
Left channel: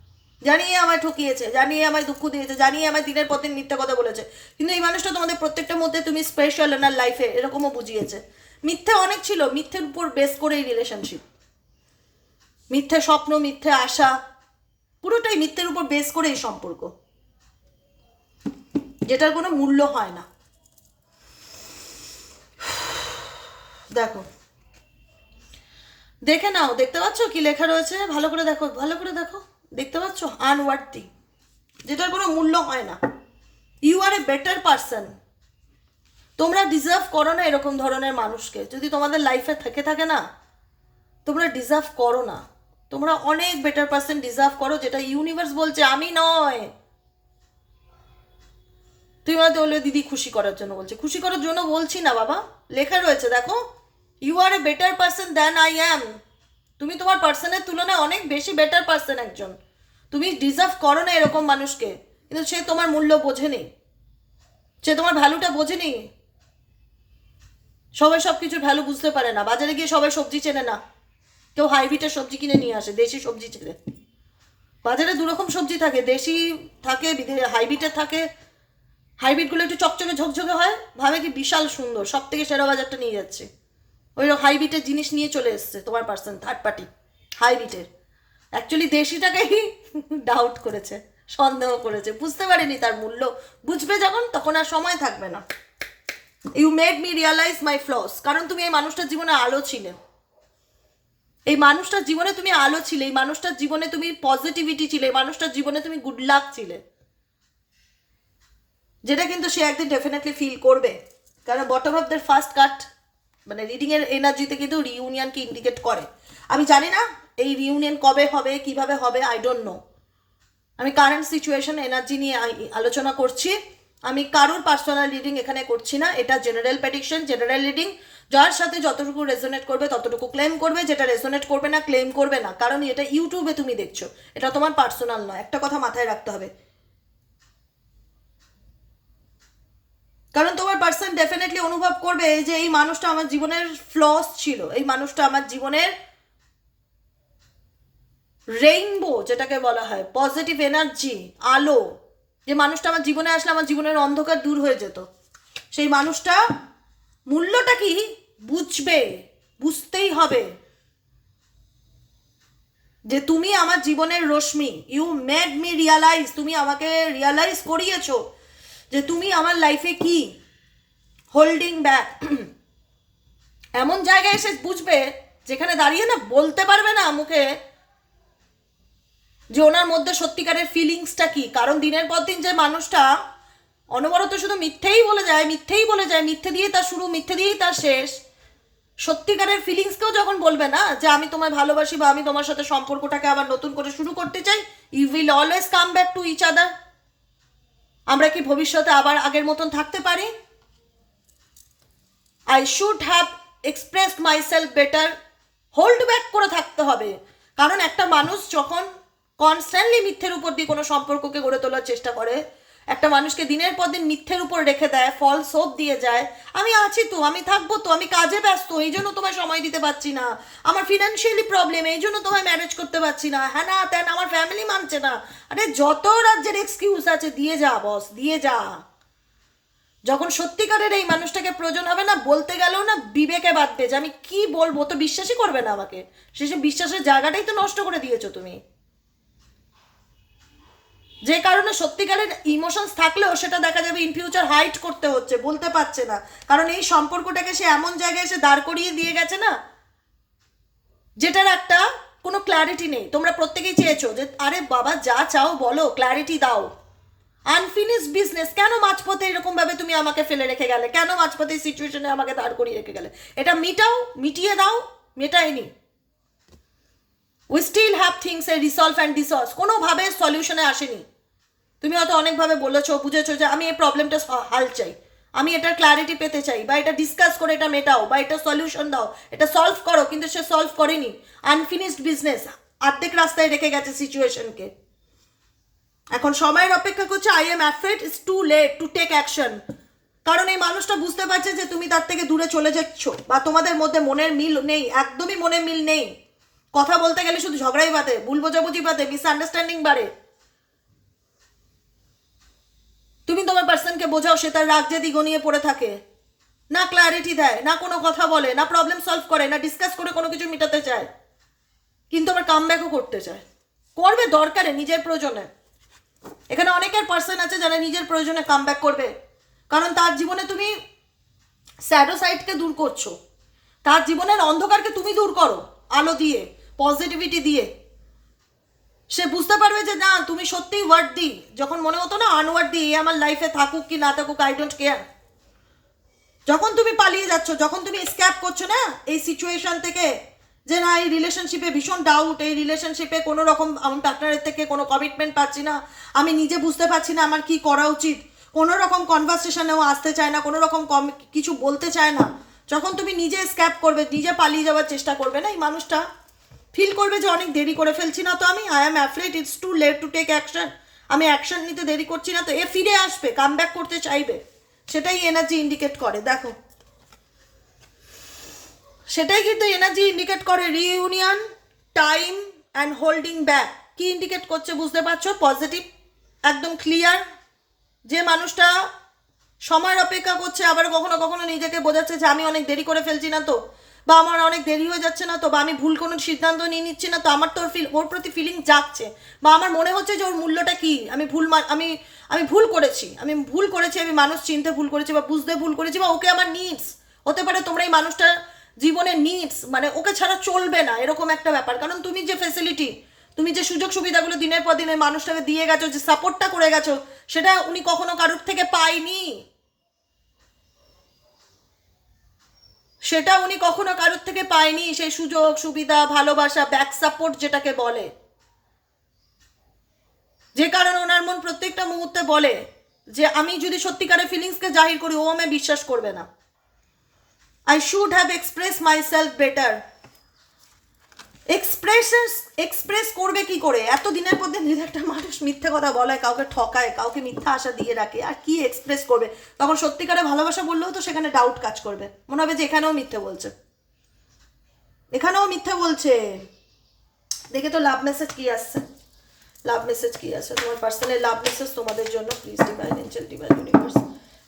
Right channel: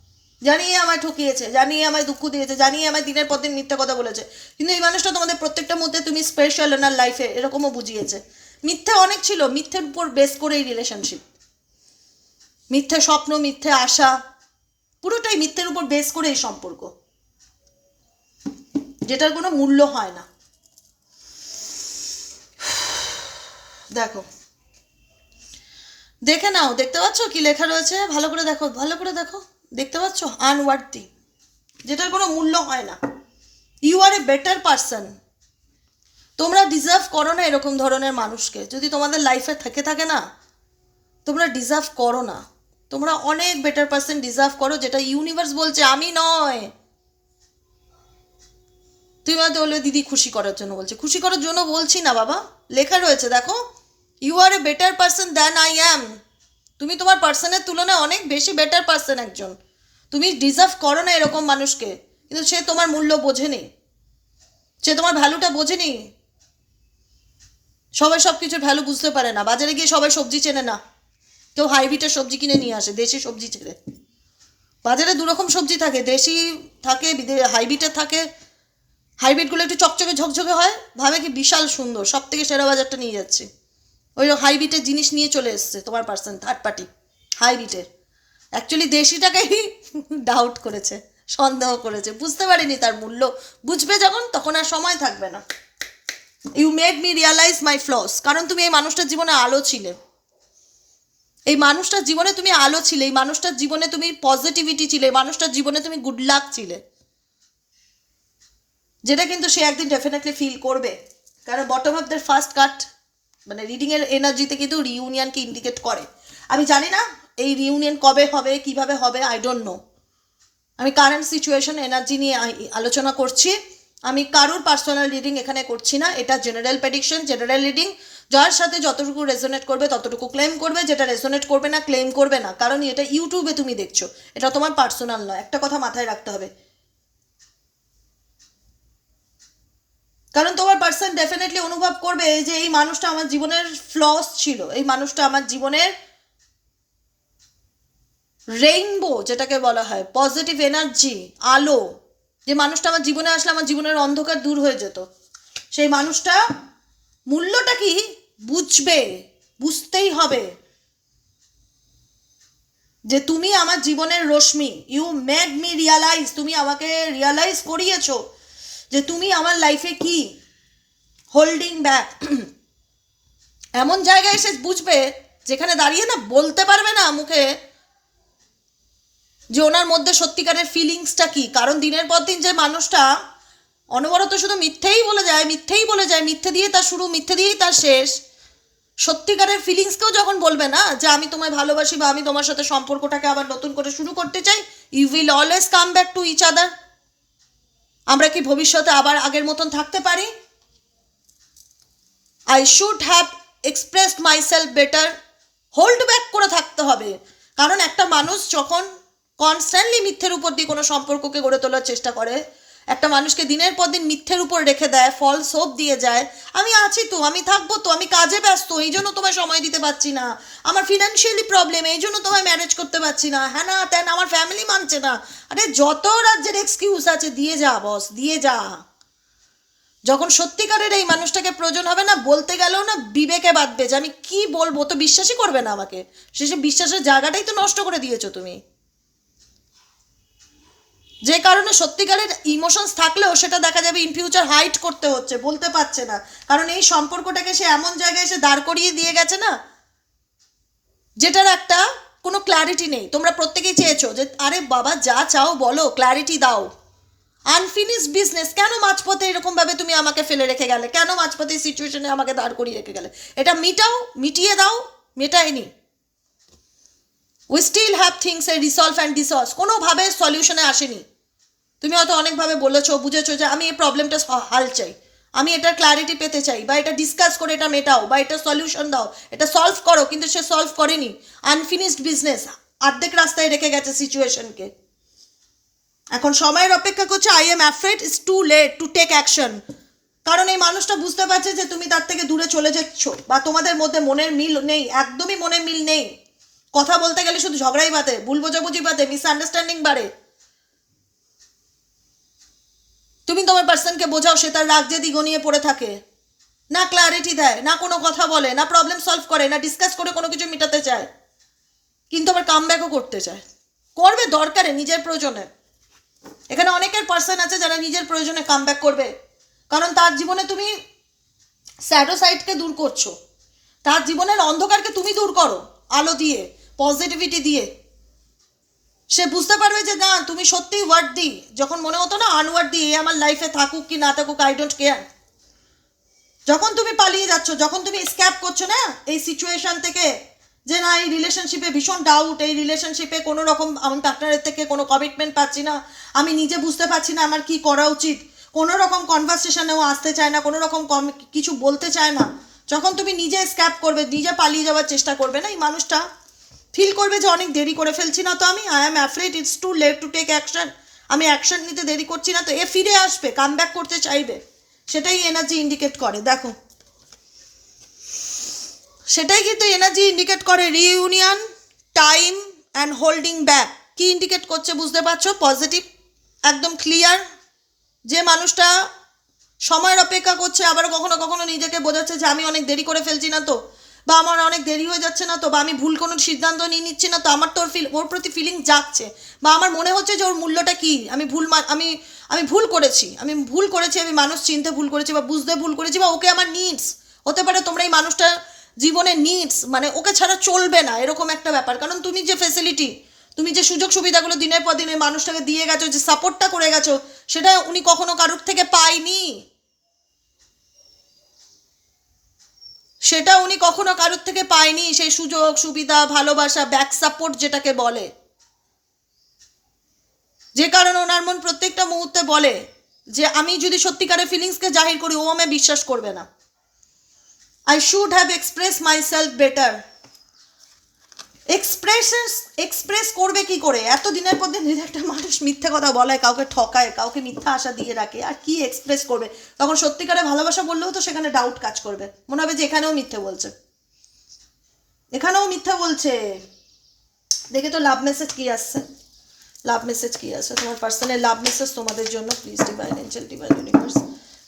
জানিয়ে আমায় ঠকিয়েছে, জানিয়ে আমায় দুঃখ দিয়েছে, জানিয়ে আমায় দিনের পর দিন মিথ্যা কথা বলেছে। কিন্তু এই মানুষটা তোমাদের প্রত্যেকটা মধ্যে তুমি স্পেশাল ওনার লাইফে এরকমও বুঝিয়েছে। মিথ্যে অনেক ছিল, মিথ্যের উপর বেস করে এই রিলেশনশিপ মিথ্যে স্বপ্ন, মিথ্যে আশা, পুরোটাই মিথ্যের উপর বেস করে এই সম্পর্ক। যেটার কোনো মূল্য হয় না। দেখো, দেখে নাও, দেখতে পাচ্ছ কি লেখা রয়েছে? ভালো করে দেখো, ভালো করে দেখো। দেখতে পাচ্ছ? আনওয়ার্থি যেটার কোনো মূল্য হয় না। You are a better person তোমরা ডিজার্ভ করো না এরকম ধরনের মানুষকে। যদি তোমাদের লাইফে থেকে থাকে না, তোমরা ডিজার্ভ করো না। তোমরা অনেক বেটার পারসন ডিজার্ভ করো, যেটা ইউনিভার্স বলছে, আমি নয়। তুই হয়তো বলবে দিদি, খুশি করার জন্য বলছে। খুশি করার জন্য বলছি না, বাবা। লেখা রয়েছে, দেখো। You are a better person than I am তুমি তোমার পার্সনের তুলনায় অনেক বেশি বেটার পার্সন একজন। তুমি ডিজার্ভ করো না এরকম মানুষকে। কিন্তু সে তোমার মূল্য বোঝেনি। সে তোমার ভ্যালুটা বোঝেনি। সবাই সব কিছুর ভ্যালু বুঝতে পারে না। বাজারে গিয়ে সবাই সবজি চেনে না। কেউ হাইব্রিডের সবজি কিনে নিয়ে আসে, দেশি সবজি চেনে। বাজারে দুরকম সবজি থাকে, দেশি থাকে হাইব্রিডের থাকে। হাইব্রিডগুলো একটু চকচকে ঝকঝকে হয়, ভাবে কি বিশাল সুন্দর সব থেকে সেরা বাজারটা নিয়ে যাচ্ছে। ওই হাইব্রিডের জিনিস নিয়ে চলে এসছে, তোমার পার্সন থার্ড পার্টি হাইব্রিডের অ্যাকচুয়ালি দেশিটাকেই ডাউট করেছে, সন্দেহ করেছে, বুঝতে পারিনি তার মূল্য। বুঝবে যখন, তখন আর সময় থাকবে না। You made me realise my flaws কারণ তুমি এই মানুষটার জীবনে আলো ছিলে। এই মানুষটার জীবনে তুমি আলো ছিলে, এই মানুষটার জীবনে তুমি পজিটিভিটি ছিলে, এই মানুষটার জীবনে তুমি গুড লাক ছিলে। যেটা কিন্তু সে একদিন ডেফিনেটলি ফিল করবে। কারণ bottom of the first cut মানে রিডিং এর এনার্জিতে কিন্তু রিউনিয়নকে ইন্ডিকেট করে। আমি জানি না এই রিউনিয়ন কবে হবে, কীভাবে হবে আই ডোন্ট নো আমি কারেন্ট সিচুয়েশন এনার্জি নিয়ে আলোচনা করছি। আমি কারোর পার্সোনাল রিডিং এখানে করছি না। এটা জেনারেল প্রেডিকশন জেনারেল রিডিং যার সাথে যতটুকু রেজোনেট করবে, ততটুকু ক্লেম করবে। যেটা রেজোনেট করবে না ক্লেম করবে না। কারণ এটা ইউটিউবে তুমি দেখছ। এটা তোমার পার্সোনাল নয়। একটা কথা মাথায় রাখতে হবে। কারণ তোমার পার্সন ডেফিনেটলি অনুভব করবে যে এই মানুষটা আমার জীবনের ফ্লস ছিল, এই মানুষটা আমার জীবনের রেইনবো যেটাকে বলা হয় পজিটিভ এনার্জি আলো, যে মানুষটা আমার জীবনে আসলে আমার জীবনের অন্ধকার দূর হয়ে যেত। সেই মানুষটা মূল্যটা কি? বুঝবে, বুঝতেই হবে। যে তুমি আমার জীবনের রশ্মি ইউ মেড মি রিয়ালাইজ তুমি আমাকে রিয়ালাইজ করিয়েছো। যে তুমি আমার লাইফে কি? হোল্ডিং ব্যাক এমন জায়গায় এসে বুঝবে, যেখানে দাঁড়িয়ে না বলতে পারবে না মুখে, যে ওনার মধ্যে সত্যিকারের ফিলিংসটা কি? কারণ দিনের পর দিন যে মানুষটা অনবরত শুধু মিথ্যেই বলে যায়, মিথ্যেই বলে যায়, মিথ্যে দিয়ে তার শুরু, মিথ্যে দিয়েই তার শেষ, সত্যিকারের ফিলিংসকেও যখন বলবে না, যে আমি তোমায় ভালোবাসি বা আমি তোমার সাথে সম্পর্কটাকে আবার নতুন করে শুরু করতে চাই you will always come back to each other আমরা কি ভবিষ্যতে আবার আগের মতন থাকতে পারি? I should have expressed myself better hold back করে থাকতে হবে। কারণ একটা মানুষ যখন কনস্ট্যান্টলি মিথ্যের উপর দিয়ে কোনো সম্পর্ককে গড়ে তোলার চেষ্টা করে একটা মানুষকে দিনের পর দিন মিথ্যের উপর রেখে দেয়, ফল সোপ দিয়ে যায়। আমি আছি তো, আমি থাকব তো, আমি কাজে ব্যস্ত, এই জন্য তোমায় সময় দিতে পারছি না। আমার ফিনান্সিয়ালি প্রবলেম এই জন্য তোমায় ম্যানেজ করতে পারছি না। হ্যাঁ না তেন আমার ফ্যামিলি মানছে না। আরে যত রাজ্যের এক্সকিউজ আছে, দিয়ে যা বস দিয়ে যা। যখন সত্যিকারের এই মানুষটাকে প্রয়োজন হবে না, বলতে গেলেও না বিবেকে বাঁধবে যে আমি কি বলব তো বিশ্বাসই করবে না আমাকে। শেষে বিশ্বাসের জায়গাটাই তো নষ্ট করে দিয়েছ তুমি। যে কারণে সত্যিকারের ইমোশনস থাকলেও সেটা দেখা যাবে ইন ফিউচার হাইট করতে হচ্ছে, বলতে পারছে না। কারণ এই সম্পর্কটাকে সে এমন জায়গায় এসে দাঁড় করিয়ে দিয়ে গেছে না, যেটার একটা কোনো ক্ল্যারিটি নেই। তোমরা প্রত্যেকেই চেয়েছো যে, আরে বাবা, যা চাও বলো ক্ল্যারিটি দাও। আনফিনিশ বিজনেস কেন মাঝপথে এরকম ভাবে তুমি আমাকে ফেলে রেখে গেলে? কেন মাঝপথে সিচুয়েশনে আমাকে দাঁড় করিয়ে রেখে গেলে? এটা মিটাও, মিটিয়ে দাও, মেটায়নি। We still have things a resolve and dissolve কোনোভাবে সলিউশনে আসেনি। তুমি হয়তো অনেকভাবে বলেছ, বুঝেছ যে আমি এই প্রবলেমটা হাল চাই। আমি এটার ক্ল্যারিটি পেতে চাই, বা এটা ডিসকাস করে এটা মেটাও, বা এটা সলিউশন দাও, এটা সলভ করো, কিন্তু সে সলভ করেনি। আনফিনিশড বিজনেস অর্ধেক রাস্তায় রেখে গেছে সিচুয়েশনকে এখন সময়ের অপেক্ষা করছে I am afraid it's too late to take action কারণ এই মানুষটা বুঝতে পারছে যে তুমি তার থেকে দূরে চলে যাচ্ছ, বা তোমাদের মধ্যে মনের মিল নেই, একদমই মনের মিল নেই। কথা বলতে গেলে শুধু ঝগড়াই বাদে, ভুল বোঝাবুঝি বাদে মিসআন্ডারস্ট্যান্ডিং বাড়ে। তুমি তোমার পার্সনকে বোঝাও, সে তার রাগ যে গনিয়ে পড়ে থাকে। না ক্ল্যারিটি দেয়, না কোনো কথা বলে, না প্রবলেম সলভ করে, না ডিসকাস করে কোনো কিছু মেটাতে চায়। কিন্তু আবার কাম করতে চায়। করবে দরকারে নিজের প্রয়োজনে। এখানে অনেকের পার্সন আছে যারা নিজের প্রয়োজনে কাম করবে। কারণ তার জীবনে তুমি স্যাডো সাইডকে দূর করছ। তার জীবনের অন্ধকারকে তুমি দূর করো, আলো দিয়ে পজিটিভিটি দিয়ে। সে বুঝতে পারবে যে না, তুমি সত্যিই ওয়ার্ড যখন মনে হতো না আনওয়ার্ড এ আমার লাইফে থাকুক কি না থাকুক আই ডোন্ট কেয়ার যখন তুমি পালিয়ে যাচ্ছ, যখন তুমি স্ক্যাপ করছ না, এই সিচুয়েশন থেকে, যে না, এই রিলেশনশিপে ভীষণ ডাউট এই রিলেশনশিপে কোনো রকম আমি পার্টনারের থেকে কোনো কমিটমেন্ট পাচ্ছি না, আমি নিজে বুঝতে পারছি না আমার কি করা উচিত। কোনো রকম কনভারসেশনেও আসতে চায় না, কোনো রকম কম, কিছু বলতে চায় না। যখন তুমি নিজে স্ক্যাপ করবে, নিজে পালিয়ে যাওয়ার চেষ্টা করবে না, এই মানুষটা ফিল করবে যে অনেক দেরি করে ফেলছি না তো আমি I am afraid it's too late to take action আমি অ্যাকশন নিতে দেরি করছি না তো, এ ফিরে আসবে কাম ব্যাক করতে চাইবে। সেটাই এনার্জি ইন্ডিকেট করে, দেখো। সেটাই কিন্তু এনার্জি ইন্ডিকেট করে reunion time and holding back কি ইন্ডিকেট করছে বুঝতে পারছ? পজিটিভ একদম ক্লিয়ার যে মানুষটা সময়ের অপেক্ষা করছে আবার কখনো কখনো নিজেকে বোঝাচ্ছে যে আমি অনেক দেরি করে ফেলছি না তো। বা আমার অনেক দেরি হয়ে যাচ্ছে না, তো বা আমি ভুল কোনো সিদ্ধান্ত নিয়ে নিচ্ছি না, তো আমার তো ওর ফিল ওর প্রতি ফিলিং যাচ্ছে বা আমার মনে হচ্ছে যে ওর মূল্যটা কী? আমি ভুল আমি আমি ভুল করেছি। আমি ভুল করেছি, আমি মানুষ চিনতে ভুল করেছি বা বুঝতে ভুল করেছি বা ওকে আমার নিডস হতে পারে তোমরা এই মানুষটা জীবনে নিডস মানে ওকে ছাড়া চলবে না, এরকম একটা ব্যাপার। কারণ তুমি যে ফেসিলিটি তুমি যে সুযোগ সুবিধাগুলো দিনের পর দিন মানুষটাকে দিয়ে গেছো, যে সাপোর্টটা করে গেছো, সেটা উনি কখনো কারোর থেকে পায়নি। সেটা উনি কখনো কারোর থেকে পায়নি, সে সুযোগ, সুবিধা, ভালোবাসা ব্যাক সাপোর্ট যেটাকে বলে। যে কারণে ওনার মন প্রত্যেকটা মুহূর্তে বলে যে, আমি যদি সত্যিকারের ফিলিংসকে জাহির করি, ও আমায় বিশ্বাস করবে না। I should have express myself better expressions express করবে কি করে? এত দিনের পর দিন একটা মানুষ মিথ্যে কথা বলে, কাউকে ঠকায়, কাউকে মিথ্যা আশা দিয়ে রাখে, আর কি এক্সপ্রেস করবে? তখন সত্যিকারে ভালোবাসা বললেও তো সেখানে ডাউট কাজ করবে। মনে হবে যে এখানেও মিথ্যে বলছে। এখানেও মিথ্যে বলছে। দেখে তো লাভ মেসেজ কি আসছে? লাভ মেসেজ কি আছে তোমার পার্সোনাল লাভ মেসেজ তোমাদের জন্য। Please divine angel divine universe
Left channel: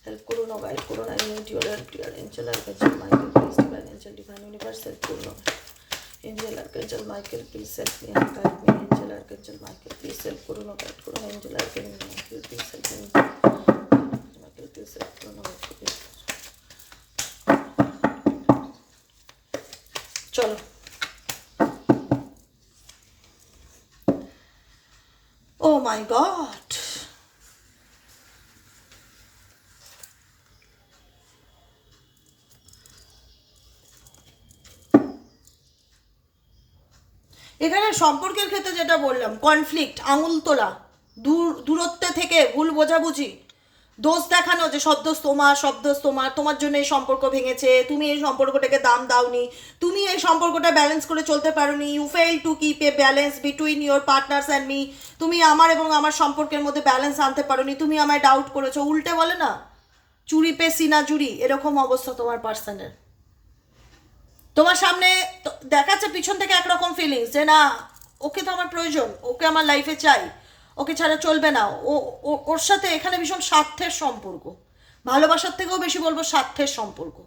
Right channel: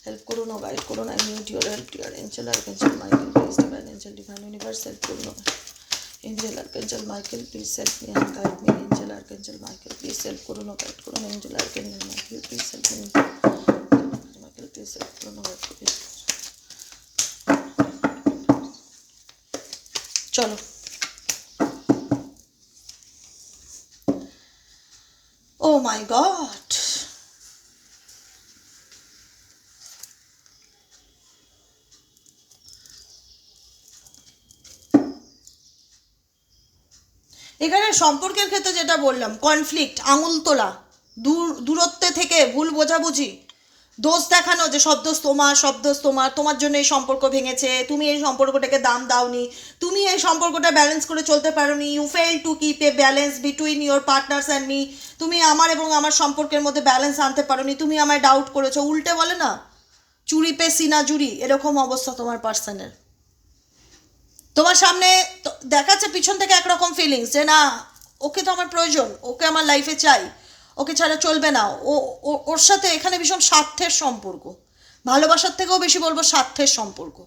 help করুন ও গাইড করুন I need your help your angel archangel Michael please divine angel divine universe help করুন angel archangel Michael please help me and guide me angel archangel Michael please help করুন ও guide করুন angel archangel Michael please help me Michael please help করুন ও guide করুন চলো Oh এখানে সম্পর্কের ক্ষেত্রে যেটা বললাম কনফ্লিক্ট আঙুল তোলা, দূর, দূরত্বে থেকে ভুল বোঝাবুঝি, দোষ দেখানো যে সব দোষ তোমার সব দোষ তোমার তোমার জন্য এই সম্পর্ক ভেঙেছে, তুমি এই সম্পর্কটাকে দাম দাওনি, তুমি এই সম্পর্কটা ব্যালেন্স করে চলতে পারোনি you fail to keep a balance between your partners and me তুমি আমার এবং আমার সম্পর্কের মধ্যে ব্যালেন্স আনতে পারোনি, তুমি আমায় ডাউট করেছ, উল্টে বলে না, চুরি পে সিনা জুরি এরকম অবস্থা তোমার পার্সনের তোমার সামনে দেখাচ্ছে পিছন থেকে একরকম ফিলিংস যে না, ওকে তো আমার প্রয়োজন, ওকে আমার লাইফে চাই, ওকে ছাড়া চলবে না। ও- ওর সাথে এখানে ভীষণ স্বার্থের সম্পর্ক। ভালোবাসার থেকেও বেশি বলব স্বার্থের সম্পর্ক।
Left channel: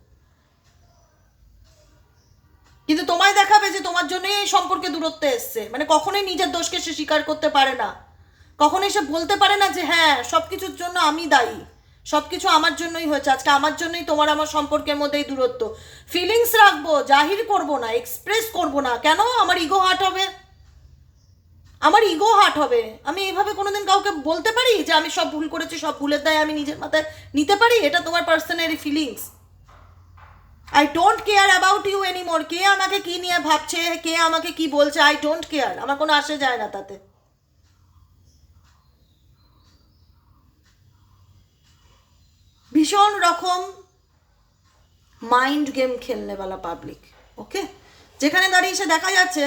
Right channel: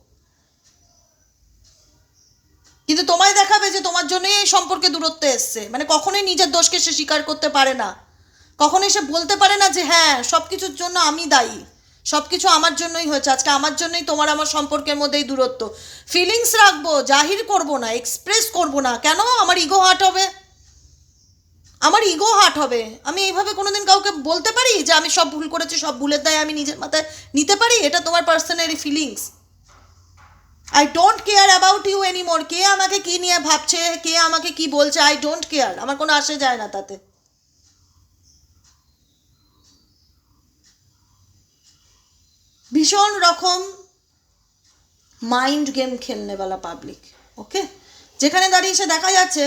কিন্তু তোমায় দেখাবে যে তোমার জন্যই এই সম্পর্কে দূরত্ব এসছে। মানে কখনোই নিজের দোষকে সে স্বীকার করতে পারে না। কখনোই সে বলতে পারে না যে হ্যাঁ সব কিছুর জন্য আমি দায়ী। সব কিছু আমার জন্যই হয়েছে। আজকে আমার জন্যই তোমার আমার সম্পর্কের মধ্যেই দূরত্ব। ফিলিংস রাখব, জাহির করব না এক্সপ্রেস করব না। কেন? আমার ইগো হার্ট হবে। আমার ইগো হার্ট হবে। আমি এইভাবে কোনোদিন কাউকে বলতে পারি যে আমি সব ভুল করেছি, সব ভুলের দায় আমি নিজের মাথায় নিতে পারি? এটা তোমার personally feelings I don't care about you anymore কে আমাকে কি নিয়ে ভাবছে? কে আমাকে কি বলছে? আই ডোন্ট কেয়ার আমার কোনো আসে যায় না তাতে। ভীষণ রকম মাইন্ড গেম খেলনেওয়ালা পাবলিক ওকে যেখানে দাঁড়িয়ে এসে দেখা যাচ্ছে,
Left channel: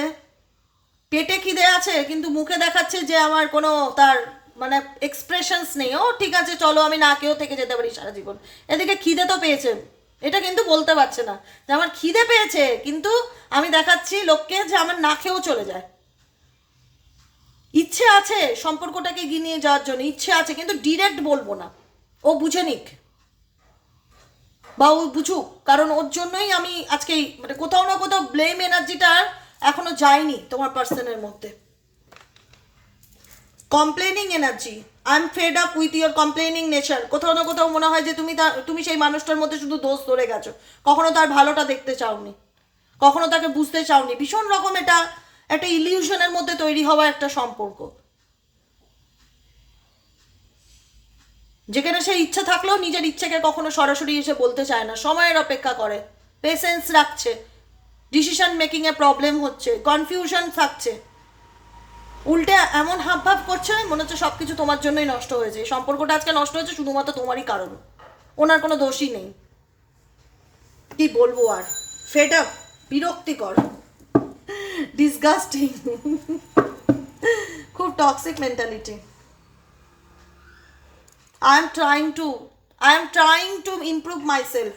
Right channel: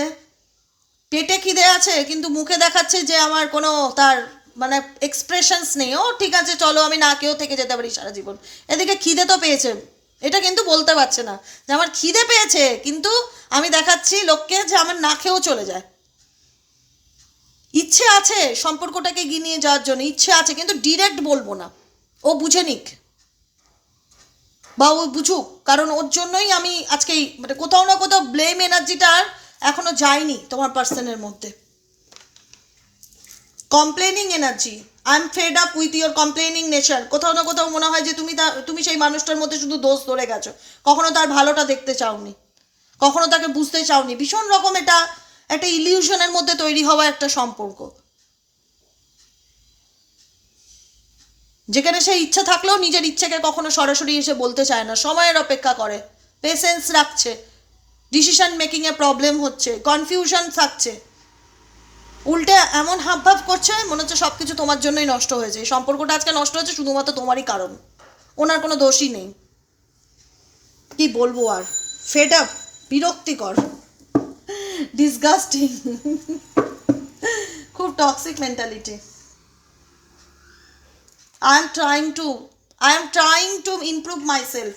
পেটে খিদে আছে, কিন্তু মুখে দেখাচ্ছে যে আমার কোনো তার মানে এক্সপ্রেশনস নেই। ও ঠিক আছে, চলো আমি না কেউ থেকে যেতে পারি সারা জীবন। এদিকে খিদে তো পেয়েছেন। এটা কিন্তু বলতে পারছে না যে আমার খিদে পেয়েছে, কিন্তু আমি দেখাচ্ছি লোককে যে আমার না খেয়েও চলে যায়। ইচ্ছে আছে সম্পর্কটাকে গিয়ে নিয়ে যাওয়ার জন্য, ইচ্ছে আছে, কিন্তু ডিরেক্ট বলব না। ও বুঝে নিক। বা ও বুঝুক। কারণ ওর জন্যই আমি আজকে মানে কোথাও না কোথাও ব্লেম এনার্জিটা আর এখনও যায়নি তোমার পার্সনের মধ্যে। Complaining energy I am fed up with your complaining nature কোথাও না কোথাও মনে হয় যে তুমি তা তুমি সেই মানুষটার মধ্যে শুধু দোষ ধরে গেছো। কখনো তার ভালোটা দেখতে চাওনি। কখনো তাকে বুঝতে চাওনি। ভীষণ রকম এটা একটা ইলিউশনের মধ্যে তৈরি হওয়া একটা সম্পর্ক। যেখানে সে ইচ্ছা থাকলেও নিজের ইচ্ছেকে কখনো সরাসরি এসে বলতে চায় না। সময়ের অপেক্ষা করে। পেশেন্স রাখছে। ডিসিশন মেকিংয়ে প্রবলেম হচ্ছে। কনফিউশন থাকছে। উল্টে এমন হাবভাব করছে, মনে হচ্ছে সব কিছু তোমার জন্যই নষ্ট হয়েছে। সম্পর্কটা আজকে নষ্ট হয়েছে শুধুমাত্র তোমারই কারণ। ওনার কোনো দোষই নেই। কি বলব আর? ফেড আপ বিরক্তিকর। ডিসগাস্টিং খুব toxic mentality I am trying to I am trying to improve myself.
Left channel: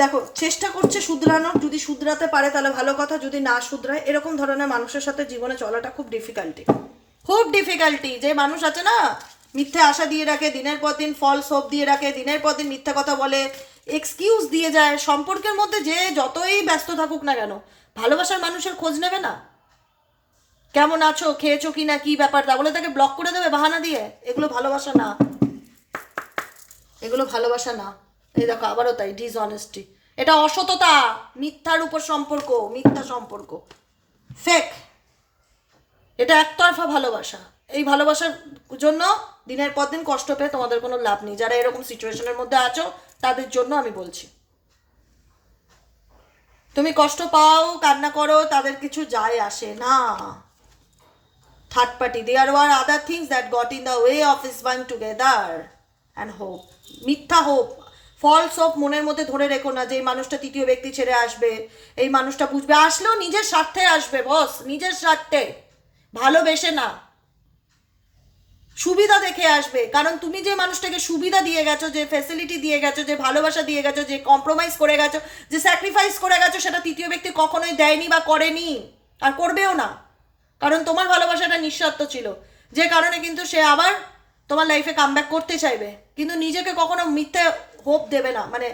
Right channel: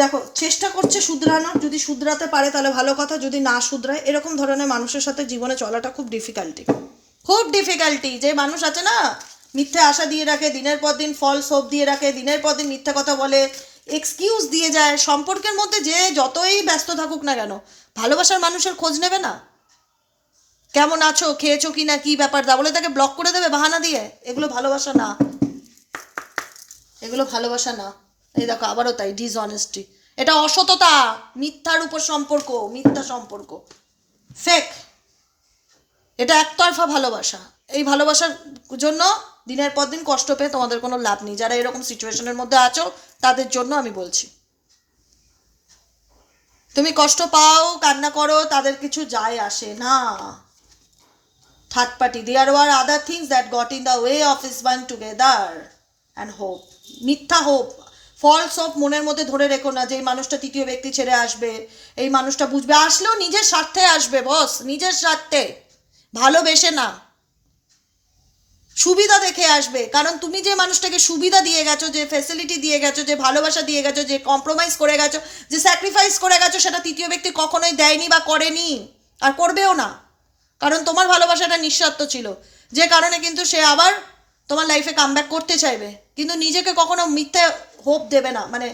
দেখো, চেষ্টা করছে শুধরানোর, যদি শুধরাতে পারে তাহলে ভালো কথা, যদি না শুধরায়, এরকম ধরনের মানুষের সাথে জীবনে চলাটা খুব ডিফিকাল্টি খুব ডিফিকাল্টি যে মানুষ আছে না, মিথ্যে আশা দিয়ে রাখে, দিনের পর দিন ফলস হোপ দিয়ে রাখে, দিনের পর দিন মিথ্যা কথা বলে এক্সকিউজ দিয়ে যায়, সম্পর্কের মধ্যে যে যতই ব্যস্ত থাকুক না কেন, ভালোবাসার মানুষের খোঁজ নেবে না। কেমন আছো? খেয়েছো কি না কি ব্যাপার? তা বলে তাকে ব্লক করে দেবে বাহানা দিয়ে? এগুলো ভালোবাসা না। এগুলো ভালোবাসা না। এই দেখো, আবারও তাই ডিসঅনেস্টি এটা অসততা, মিথ্যার উপর সম্পর্ক, মিথ্যা সম্পর্ক। ফেক এটা একতরফা ভালোবাসা। এই ভালোবাসার জন্য দিনের পর দিন কষ্ট পেয়ে তোমাদের কোনো লাভ নেই। যারা এরকম সিচুয়েশনের মধ্যে আছো, তাদের জন্য আমি বলছি। তুমি কষ্ট পাও, কান্না করো, তাদের কিছু যায় আসে না। Third party there were other things that got in the way of us one together and hope মিথ্যা হোপ ফলস হোপ মনের মধ্যে ধরে রেখো না যে এই মানুষটা তৃতীয় ব্যক্তি ছেড়ে আসবে। এই মানুষটা বুঝবে। আসলেও নিজের স্বার্থে আসবে বস নিজের স্বার্থে। ভালোবেসে না। সুবিধা দেখে আসবে। কারণ তুমি যে মানুষটাকে সুবিধা দিয়ে গেছো, যে ফেসিলিটি দিয়ে গেছো, যে ভালোবাসা দিয়ে গেছো, যে কম্প্রোমাইজ করে গেছো, যে স্যাক্রিফাইস করে গেছো, সেটা তৃতীয় ব্যক্তি কখনোই দেয়নি বা করেনি। আর করবেও না। কারণ তোমার ভালোবাসাটা নিঃস্বার্থ ছিল। যে কারণে কিন্তু সে আবার তোমার লাইফে কামব্যাক করতে চাইবে। কিন্তু নিজেকে কখনো মিথ্যে হোপ দেবে না। মানে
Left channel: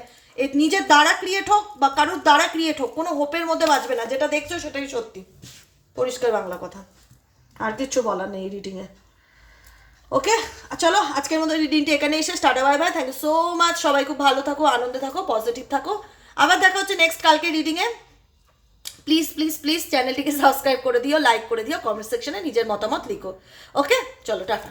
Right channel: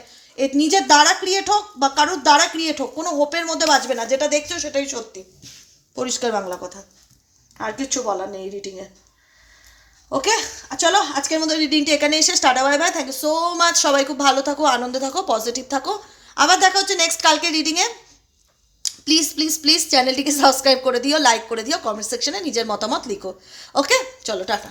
নিজের দ্বারা ক্রিয়েট হোক বা কারোর দ্বারা ক্রিয়েট হোক, কোনো হোপের মধ্যে বাঁচবে না। যেটা দেখছ সেটাই সত্যি। পরিষ্কার বাংলা কথা। আর কিচ্ছু বলার নেই রিডিংয়ে ওকে চলো, আজকের মতো রিডিংটি এখানে এসে start bye bye thank you so much সবাই খুব ভালো থাকো, আনন্দে থাকো পজিটিভ থাকো। আবার দেখা হচ্ছে নেক্সট কালকে রিডিংয়ে প্লিজ প্লিজ প্লিজ চ্যানেলটিকে সাবস্ক্রাইব করে দিও লাইক করে দিও কমেন্ট সেকশনে নিজের মতামত লিখো। ওকে চলো, টাটা।